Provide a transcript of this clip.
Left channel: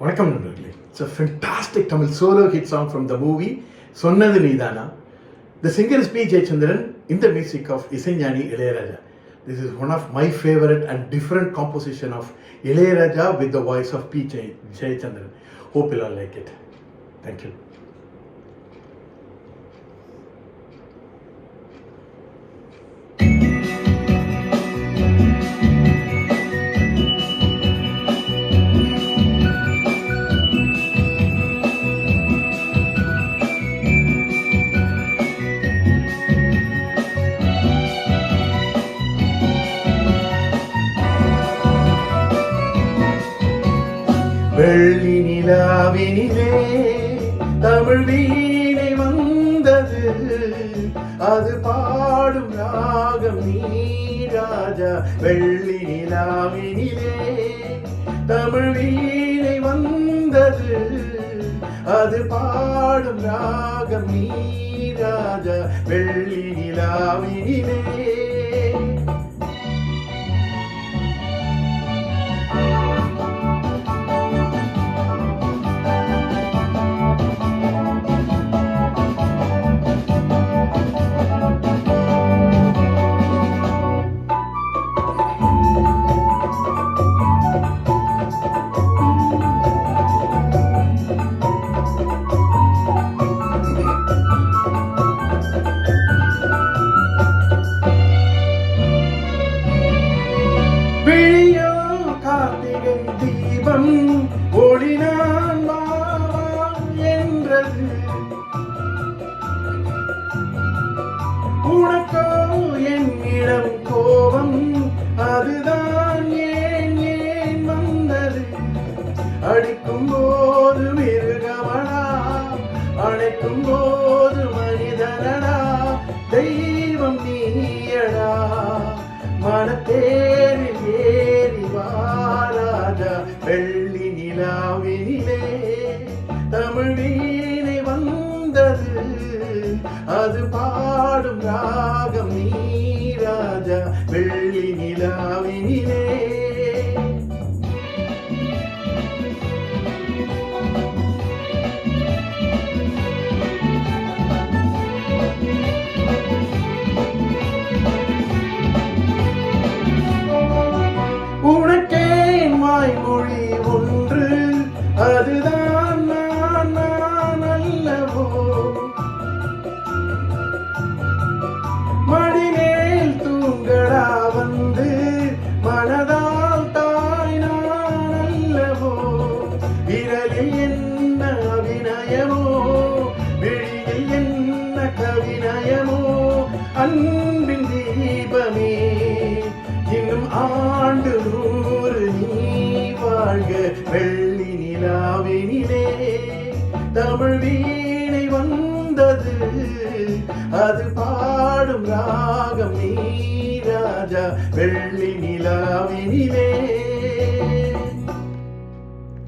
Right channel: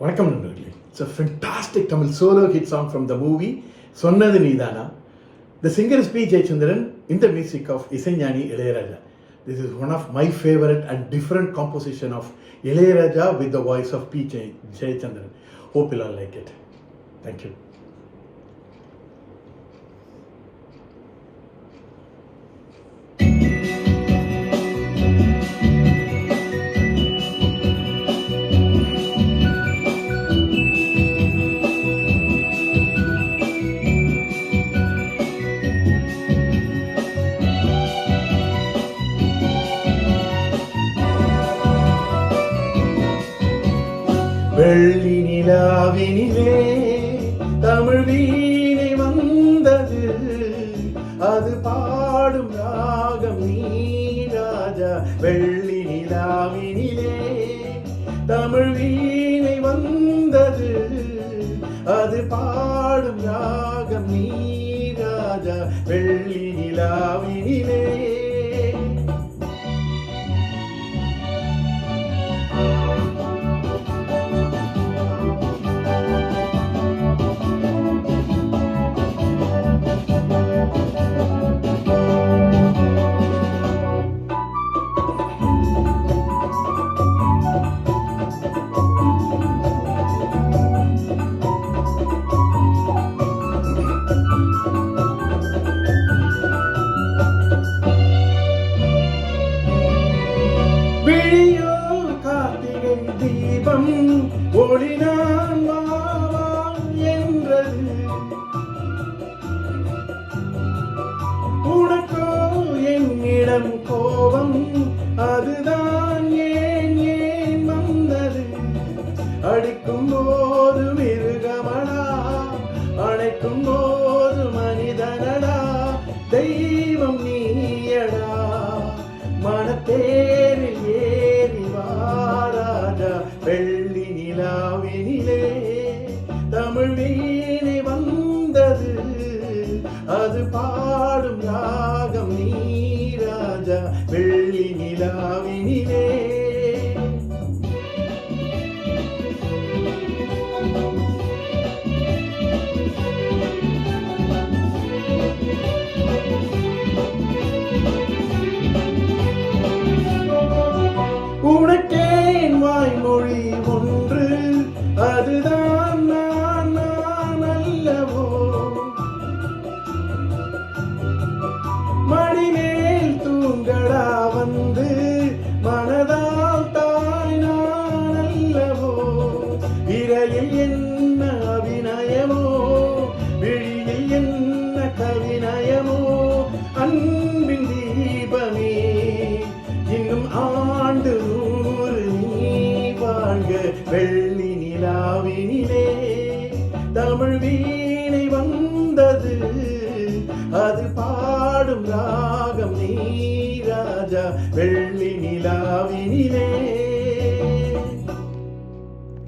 வணக்கம் நண்பர்களே. It's a fantastic Tamil solo hit song from the movie சொன்னது நீதானா. The singer is P. Jayachandran in the music of Isaignani Ilayaraja. This is one of my favorite and different composition of Ilayaraja with the voice of P. Jayachandran. Hope you all like it. Thank you. வெள்ளி நிலாவினிலே தமிழ் வீணை வந்தது, அது பாடும் ராகம் நீ ராஜா. வெள்ளி நிலாவினிலே தமிழ் வீணை வந்தது, அது பாடும் ராகம் நீ ராஜா. வெள்ளி நிலாவினிலே விழியோ கார்த்திகை தீபம் ஒளினான் மாமா என்றது, உனக்கோ என்னிடம் கோபம் அதுதான் ஏன் ஏன் வந்தது. அடிக்கும் போது மிருகமடா, அணைக்கும் போது மனிதனடா, தெய்வம் நீயடா. மனத்தேரில் ஏறி வாராஜா. வெள்ளி நிலாவினிலே தமிழ் வீணை வந்தது, அது பாடும் ராகம் நீ ராஜா. வெள்ளி நிலாவினிலே உனக்கேன் வாய்மொழி ஒன்று, அதுதான் நான் நான் அல்லவோ. மடிமேல் தூங்கடா வந்து மனதால் தாய் நான் அல்லவோ. விரலில் என்ன அபிநயமோ, விழியில் என்ன கவிநயமோ, அன்பின் தீபமே இன்னும் ஆண்டு நூறு நீ வாழ்க. வெள்ளி நிலாவினிலே தமிழ் வீணை வந்தது, அது பாடும் ராகம் நீ ராஜா. வெள்ளி நிலாவினிலே